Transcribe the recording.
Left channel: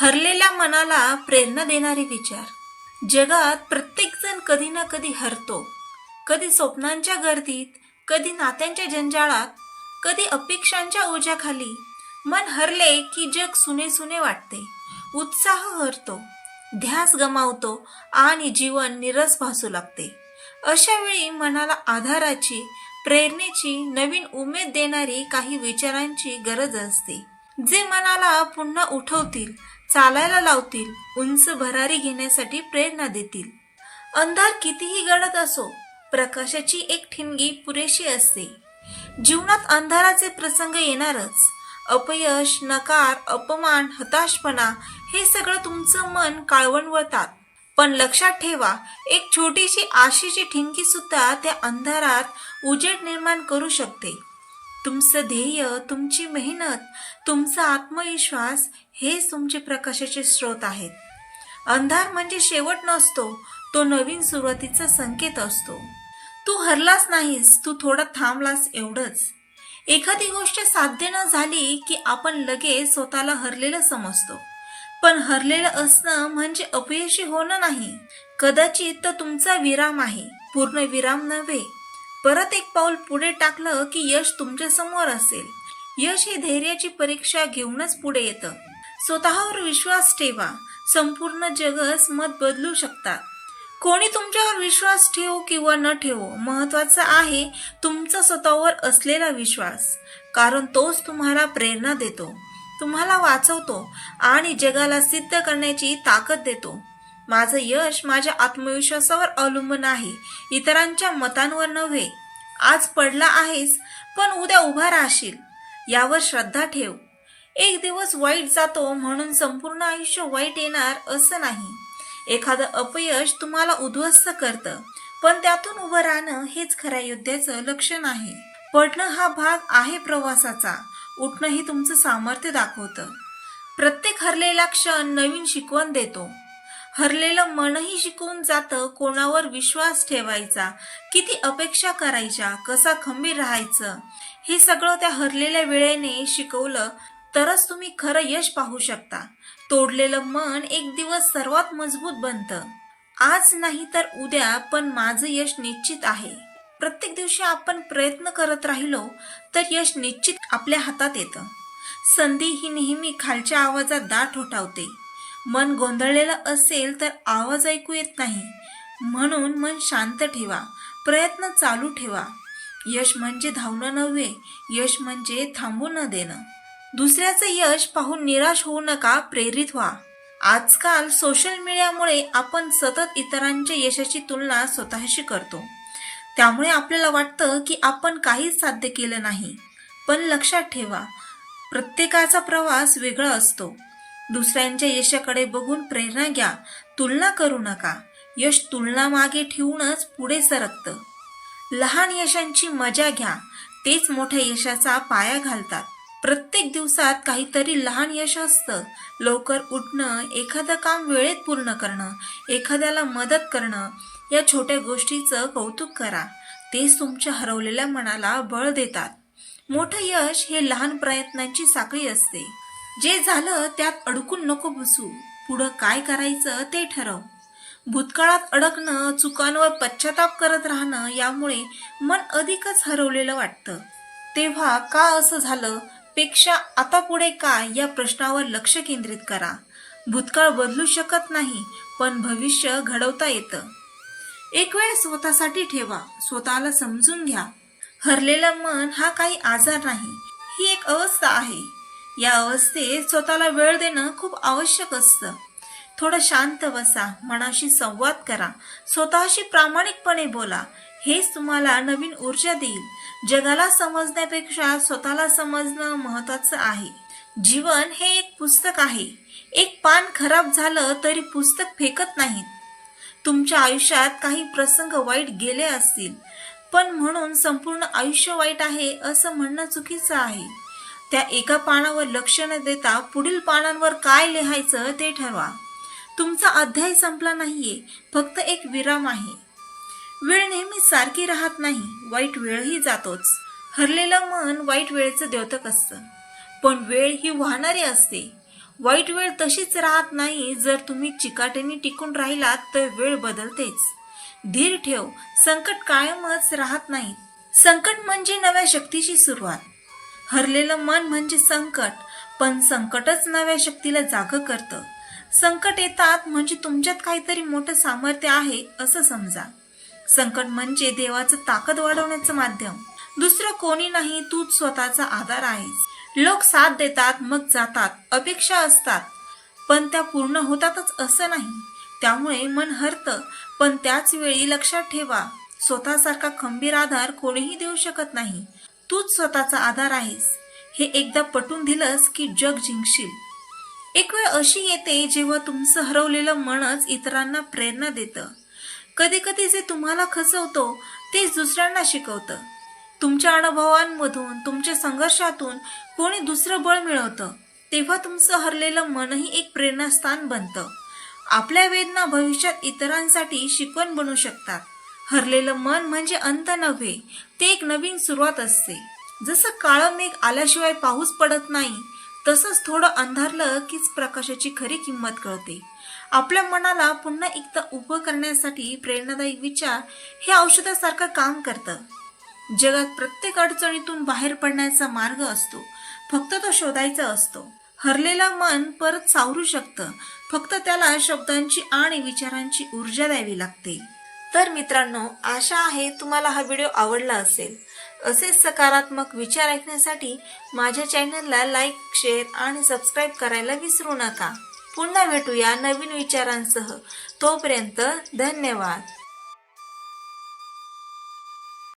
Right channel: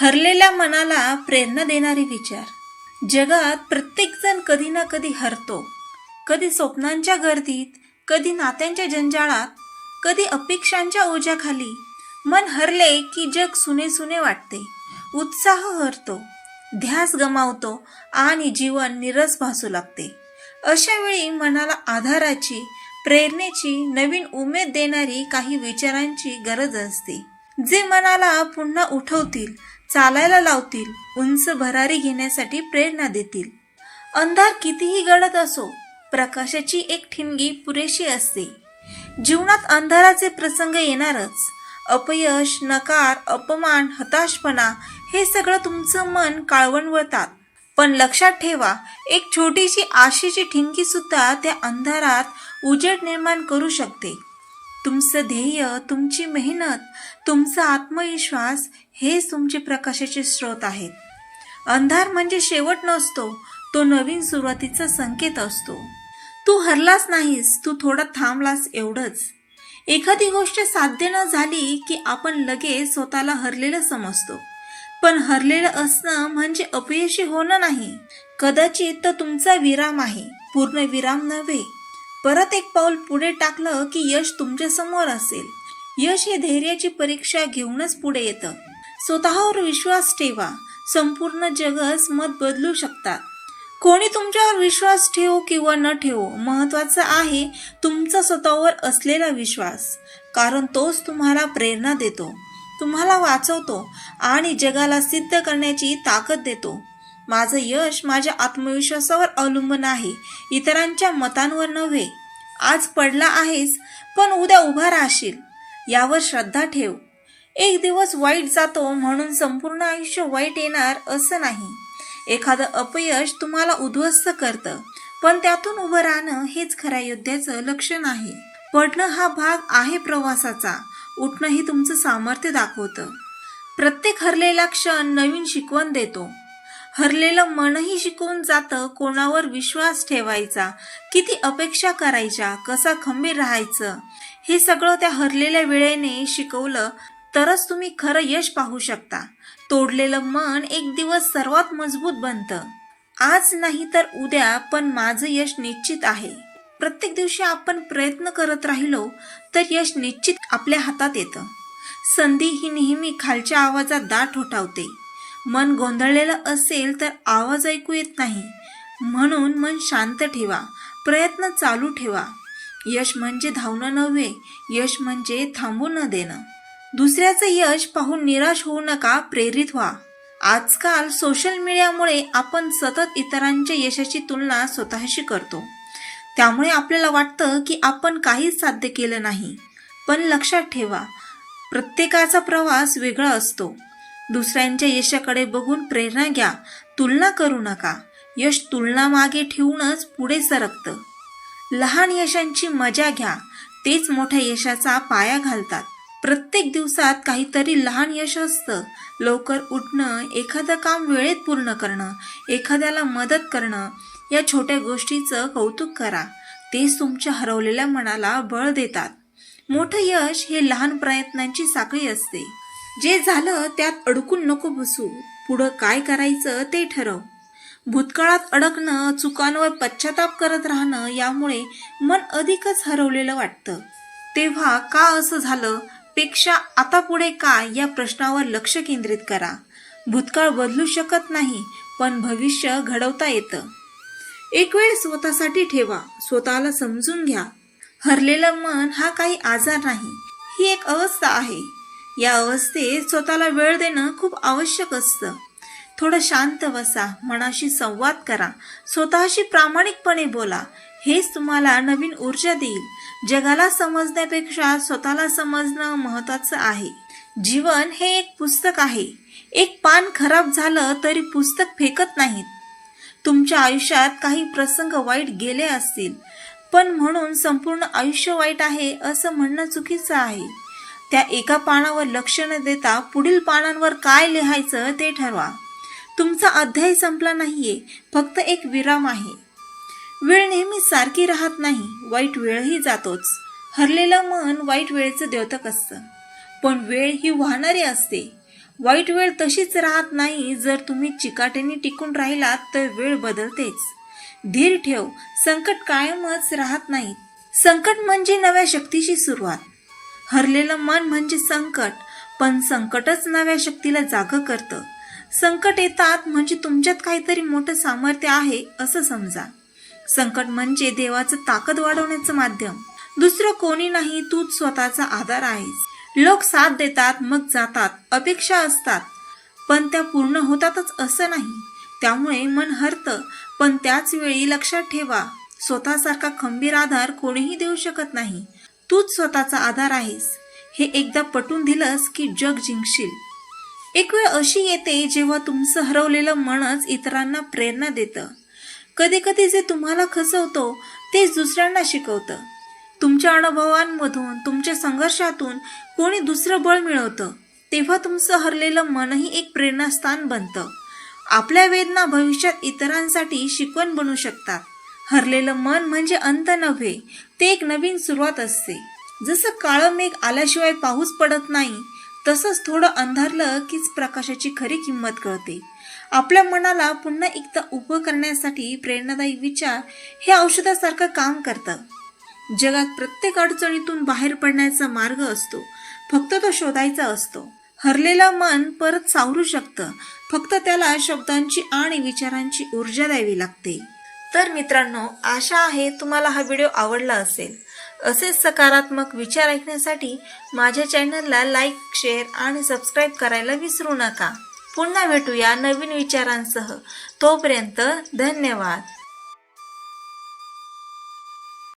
हरलेल्या मनाला प्रेरणा देणारे विचार. जगात प्रत्येकजण कधी ना कधी हरतो. कधी स्वप्नांच्या गर्दीत कधी नात्यांच्या जंजाळात कधी अपेक्षांच्या ओझ्याखाली. मन हरले की जग सुने सुने वाटते. उत्साह हरतो. ध्यास गमावतो आणि जीवन निरस भासू लागते. अशा वेळी मनाला आधाराची प्रेरणेची नवीन उमेद देणारी काही विचारांची गरज असते. जे मनाला पुन्हा उठवतील चालायला लावतील उंच भरारी घेण्यासाठी प्रेरणा देतील. अंधार कितीही गडद असो प्रकाशाची एक ठिणगी पुरेशी असते. जीवनात अंधाराचे प्रसंग येणारच. अपयश नकार अपमान हताशपणा हे सगळं तुमचं मन काळवणवतात पण लक्षात ठेवा एक छोटीशी आशेची ठिणगी सुद्धा त्या अंधारात उजेड निर्माण करू शकते. तुमचं ध्येय तुमची मेहनत तुमचा आत्मविश्वास हेच तुमचे प्रकाशाचे स्रोत आहेत. अंधार म्हणजे शेवट नसतो तो नवीन सुरुवातीचा संकेत असतो. तू हरलास नाहीस तू थोडा थांबलास एवढंच. एखादी गोष्ट साध्य न झाली की आपण लगेच स्वतःला हरलेलं समजतो. पण हरलेलं असणं म्हणजे अपयशी होणं नाही. कदाचित तर तुमचा विराम आहे. पूर्ण विराम नव्हे. परत एक पाऊल पुढे टाकलं की यश तुमच्यासमोर असेल. यश हे धैर्याची परीक्षा घेऊनच पुढे येतं. स्वतःवर विश्वास ठेवा. संपूर्ण जगच मत बदलू शकतात. कोणी तुमच्यावर विश्वास ठेवो किंवा न ठेवो महत्वाचं आहे तुमचा स्वतःवर असलेला विश्वास. कारण तोच तुम्हाला प्रेरणा देतो. तुम्हाला वाचवतो आणि जगाला सिद्ध करण्याची ताकद देतो. माझं यश माझ्या आत्मविश्वासावर अवलंबून आहे. इतरांच्या मतांवर नव्हे. आज पडला आहेस पण उद्या उभा राहशील. यावर श्रद्धा ठेव. एक दिवस वाईट जातो म्हणून संपूर्ण आयुष्य वाईट येणार असं नाही. एखादं अपयश तुम्हाला उद्ध्वस्त करतं पण त्यातून उभं राहणं हेच खऱ्या योद्ध्याचं लक्षण आहे. पडणं हा भाग आहे प्रवासाचा. उठणं ही तुमचं सामर्थ्य दाखवतं. प्रत्येक हरलेला क्षण नवीन शिकवण देतो. हरलेलं मनही शिकवून जातं कोणावर विश्वास ठेवायचा किती अपेक्षा करायच्या कसा खंबीर राहायचं हे सगळं त्या हरलेल्या वेळेने शिकवलं तरच तुम्ही खरं यश पाहू शकता. तोडलेलं मन एक दिवस सर्वात मजबूत बनतं. आज नाही तर उद्या पण माझं यश निश्चित आहे. प्रत्येक दिवशी आपण प्रयत्न करत राहिलो तर यश निश्चित आपल्या हातात येतं. संधी ही नेहमी खालच्या आवाजात दाट होठावते मन गोंधळलेलं असेल तर आवाज ऐकू येत नाही. म्हणून मन शांत ठेवा. प्रयत्न चालू ठेवा. यश म्हणजे धावणं नव्हे यश म्हणजे थांबू न देणं. दुसऱ्याचं यश पाहून निराश होऊ नका प्रेरित व्हा. आजकाल सोशल मीडियामुळे आपण सतत इतरांच्या यशाची तुलना स्वतःशी करतो. त्यामुळे आपल्याला वाटतं की आपण काहीच साध्य केलं नाही. पण लक्षात ठेवा प्रत्येकाचा प्रवास वेगळा असतो. दुसऱ्यांच्या यशाकडे बघून प्रेरणा घ्या. तुलना करू नका. यश तुलना मागे ठेवूनच पुढे सरकतं. लहान यशांची मजा घ्या. तेच मोठ्या यशाचा पाया घालतात. प्रत्येक दिवसात काहीतरी लहान यश असतं. लवकर उठणं एखादं काम वेळेत पूर्ण करणं एखाद्याला मदत करणं या छोट्या गोष्टीचं कौतुक करा. तेच तुमच्या हरवलेल्या मनाला बळ देतात. मोठं यश हे लहान प्रयत्नांची साखळी असते. जे झालं त्यात अडकून नको बसू. पुढं काय करायचं ते ठरव. भूतकाळात अडकणं चुकांवर पश्चाताप करत राहणं यामुळे मन अधिकच हरवलेलं वाटतं. तेव्हा का असं झालं? पेक्षा आता पुढे काय या प्रश्नावर लक्ष केंद्रित करा. भूतकाळ बदलू शकत नाही पण भविष्य घडवता येतं. एक वेळ स्वतःसाठी ठेवा स्वतःला समजून घ्या. हरलेलं मन हा काही आजार नाही ही एक अवस्था आहे. या अवस्थेत स्वतःला वेळ देणं खूप आवश्यक असतं. थोडं शांत बसा मनाशी संवाद करा स्वतःशी प्रामाणिकपणे बोला. हेच तुम्हाला नवीन ऊर्जा देईल. जगाला समजण्यापेक्षा स्वतःला समजणं महत्वाचं आहे. जीवन हे एक पुस्तक आहे. एक पान खराब झालं तरी पुस्तक फेकत नाहीत. तुमच्या आयुष्यात काही प्रसंग वाईट गेले असतील. पण म्हणून संपूर्ण आयुष्य वाईट आहे असं म्हणणं चुकीचं आहे. त्या एका पानावर लक्ष न देता पुढील पानांवर काय लिहायचं ते ठरवा. तुमचा अध्याय संपला नाहीये फक्त एक विराम आहे. वेळ नेहमी सारखी राहत नाही वाईट वेळही जातोच. हरलेलं मन वाईट वेळेचं द्योतक असतं. पण वेळ ही वाहणारी असते. वाईट वेळ तशीच राहत नाही जर तुम्ही चिकाटीने टिकून राहिलात तर वेळ बदलतेच. धीर ठेव संकट कायमच राहत नाही. संकट म्हणजे नव्या शक्तीची सुरुवात. हरलेलं मन म्हणजे संकट पण संकटच नव्या शक्तीला जाग करतं. संकट येतात म्हणजे तुमच्यात काहीतरी मोठं सामर्थ्य आहे असं समजा. संकट म्हणजे देवाचं ताकद वाढवण्याचं माध्यम. दुसरं कोणी नाही तूच स्वतःचा आधार आहेस. लोक साथ देतात मग जातात अपेक्षा असतात. पण त्या पूर्ण होतातच असं नाही. त्यामुळे मन हरतं पण त्याच वेळी लक्षात ठेवा स्वतःसारखा खंबीर आधार कोणीही देऊ शकत नाही. तूच स्वतःचा आधार आहेस. हे एकदा पटून दिलंस की जग जिंकशील. एक वेळ अशी येते जेव्हा तुमचं हरवलेलं मनच इतरांना प्रेरणा देतं. कधी कधी जे तुम्हाला खचवतो तेच दुसऱ्यांना शिकवतं. तुमच्या अनुभवांमधून तुमच्या संघर्षातून कोणी दुसरं बळ मिळवतं तेव्हा तुमचं हरलेलं मनही एक प्रेरणास्थान बनतं. आपल्या वेदना भविष्यात इतरांसाठी शिकवण बनू शकतात. हरलेलं मन म्हणजे अंत नव्हे ते एक नवीन सुरुवात असते. जसं काळं मेघ आल्याशिवाय पाऊस पडत नाही तसंच थोडं अंधारलं कीच प्रकाशाची खरी किंमत कळते. आपल्या मनाला पुन्हा एकदा उभं करण्यासाठी प्रेरणादायी विचार हे औषधासारखं काम करतं. जगात प्रत्येक अडचणीतून बाहेर पडण्याचा मार्ग असतो फक्त तो शोधायचा असतो. हरलेला मन परत सावरू शकतं फक्त त्याला शब्दांची आणि विचारांची ऊर्जा द्यावी लागते. तर मित्रांनो आशा आहे तुम्हाला हा व्हिडिओ आवडला असेल. असेच सकारात्मक विचार ऐकण्यासाठी माझ्या चॅनलला लाईक शेअर आणि सबस्क्राईब करायला विसरू नका. पुन्हा भेटूया नवीन विचारांसह. तोपर्यंत धन्यवाद.